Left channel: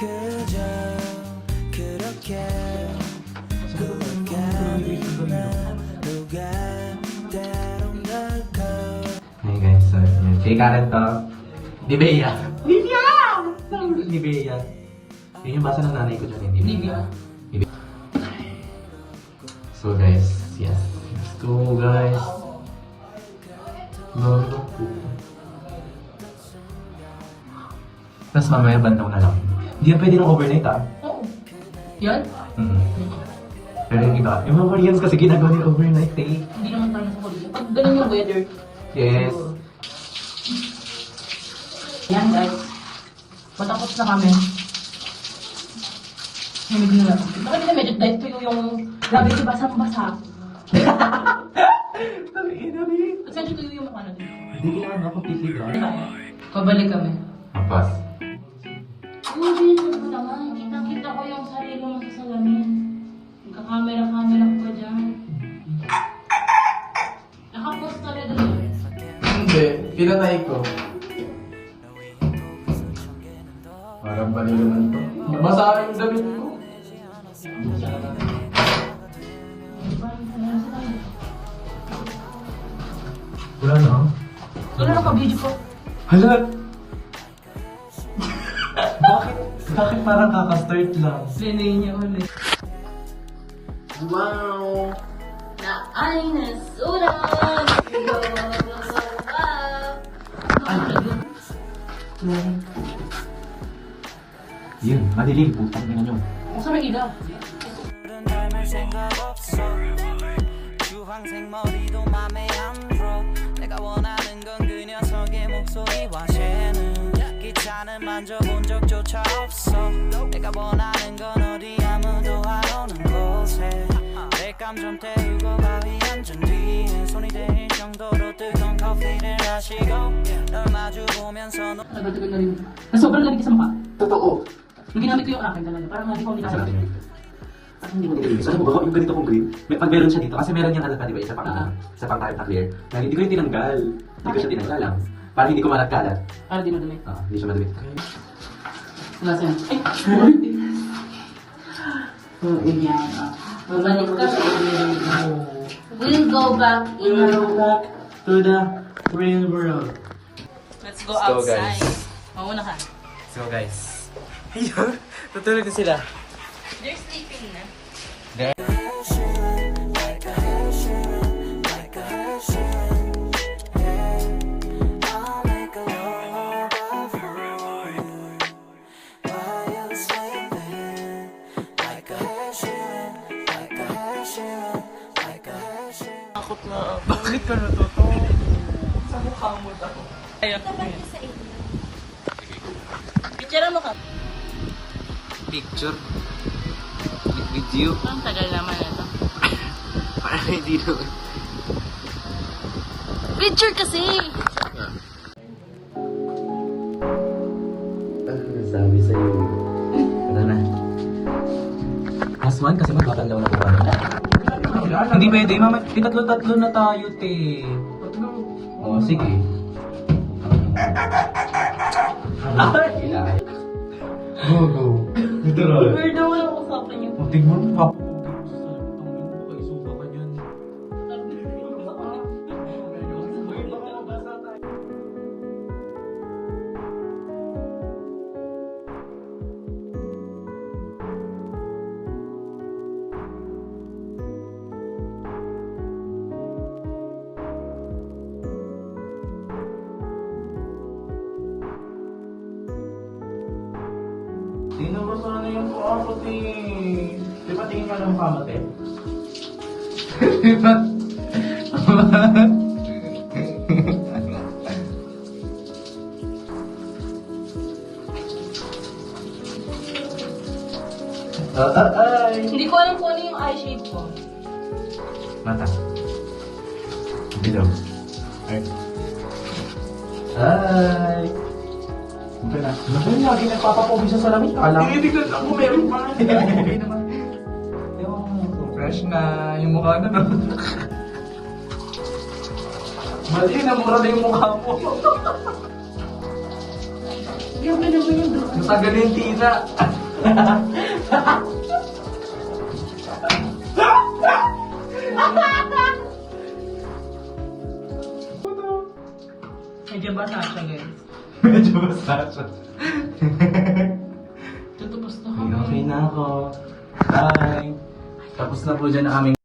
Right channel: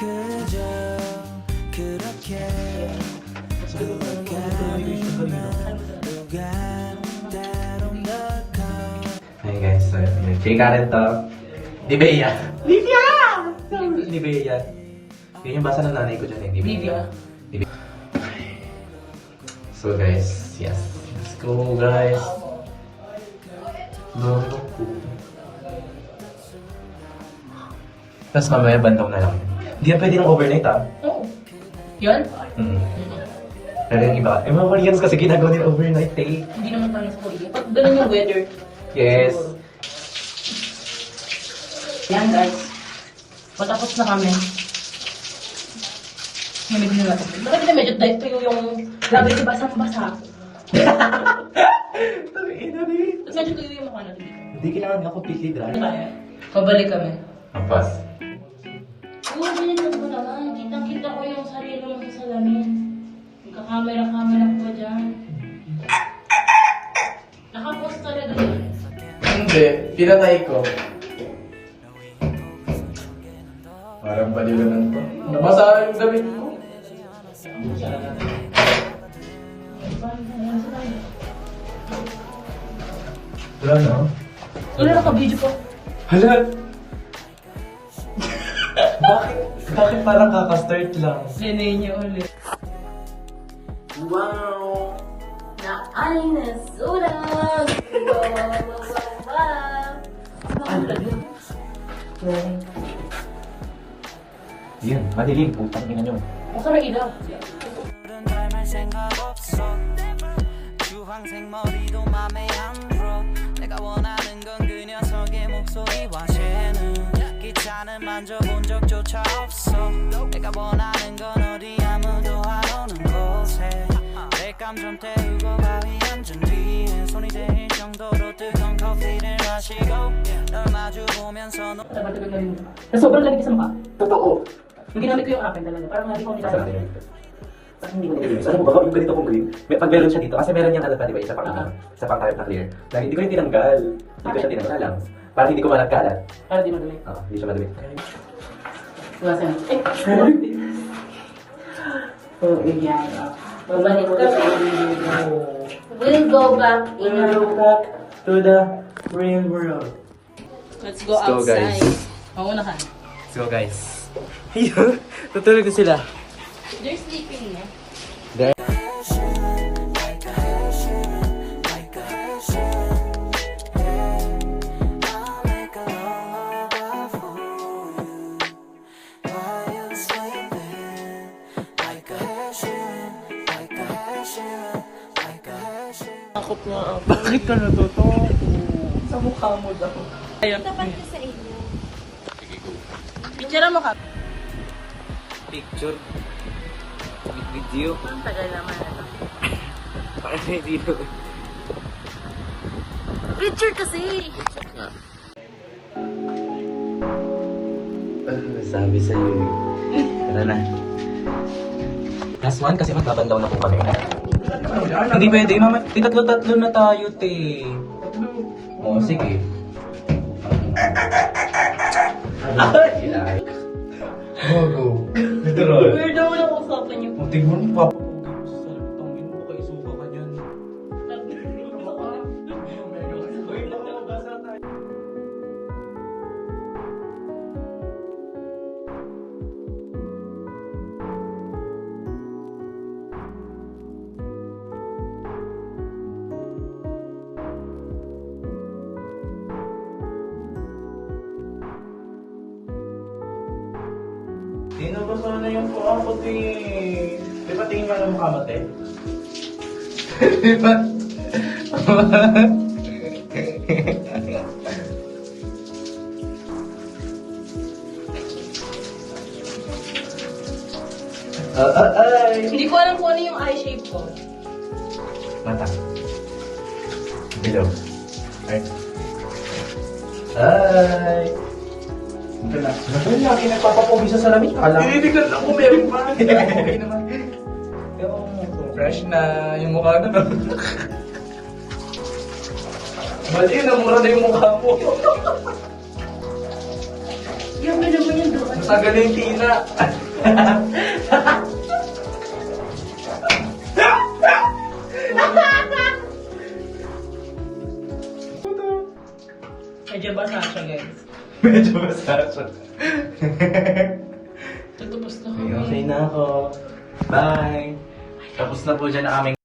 그저 그렇게 흘러가는 하루가 때론 덜컥. Hi guys, so chika rin to. Ni Bea! Livia! Ni Bea. Yun yung basa ng nanay ko dyan, hindi Livia. So guys, yes. Let's go guys. No. Tapos mamaya bandaw na lang. Hindi yan pwede ng overnight ah. Oo. Yun? Pero yung iba, yung mga Koreans kasi ginagawa nila overnight eh. Hindi naman parang sa Korea. Pag ganun yung weather. Yes. Yan guys. Patapos na kami. Namig na natin. Bakit na medyo dive tuyo yung labi si basang-basa? Sabi ina rin. Ba't medyo tuyo yung mukha natin? Hindi kailangan na completely dry. Pabalik kami. Ampas. Oo, ganyan ba naman? Kitang-kita ko yung sarili mo sa salamin. Nagka-camera ko dyan. Nakapost ka rin doon. Hindi, pinatay ko. Parang bali naman to. Masarap yung damit ko. Wala no? Wala naka-video pa. Hala! Bakit parang kaka-start lang? Linay niya ulit. Wow! Na ay nasulat. Yun, madilim. Putang ina nyo. Masarap ilaw. 닮을 생각 없어 주황색 머리도 맘에 안 들어 내가 원하는 건 그 녀석의 목소리와 쟤는 기차는 만져본 적조차 없어 내가 원하는 건 어디 아무도 안 오는 곳에 땔감 좀 태우고 바위 앉은 뒤에 손이 대일 정도로 뜨거운 커피를 마시고 널 마주 보면서 Tagal-tagal na rin. Sobrang lamig sa mukha. Totoo. Yung ginamit ko yung akin talaga. Parang hindi ko nila. Parang hindi mo nililinis. Alam mo ba, yung ganito kong green, pag meron siya dito, kasi meron yung ano pa, di ba, isa pang kahit na clear. Dahil hindi ko yung tinanggal. Hindi ko siya tinanggal lang. Para hindi ko malat-kalat. Para di madumi. Hindi siya madumi. Wala sa'yo. Oh, yan. Babalik ko sa We'll go back. We'll go back to the real world. Let's go Let's go, outside. guys. Mauna ka. So guys. Ayun, tutulog na sila. They're sleeping na. like a Hershey, like a Hershey. I'll make a lullaby for you while you're sleeping. Like a Hershey, like a Hershey, like a Hershey. Takot na ako. Bakit ka natutok? Sa mukha mo daw. Ayun. Picture mo ka. Picture. Video. Ang tagal naman ito. Parang hindi naman. Picture kasi! Sabi sa'yo. Tara na. Aswan kasi magbabandaw na kung ano. Hindi pwede, mama. Tatlo-tatlo na tayo, te. Oo, sige. Go. Ito ron. Weird naman ang usapan niyo. O, tignan mo, papa. Tangin mo, kaisuka ka niyan. Tinabasa na yung kamot eh. Di ba tingin ka ng kamot eh? Di ba? Ay! Hindi ko alam kung ano yung eye shape ko. Mata. Bilaw. Ay. Ay! Naku, lagi nagpapapogi sa salamin. Tinitigan lang ko, meron pa. Okay naman. Fresh na yung mukha nun. Mali, namura na yung mukha mo. Yung ganda mo yung doon. Masagal na yung tila. Medyo basa siya, guys. Medyo basa siya. Tutupos na Okay na ako. Bye. Tapos na po dyan ang aming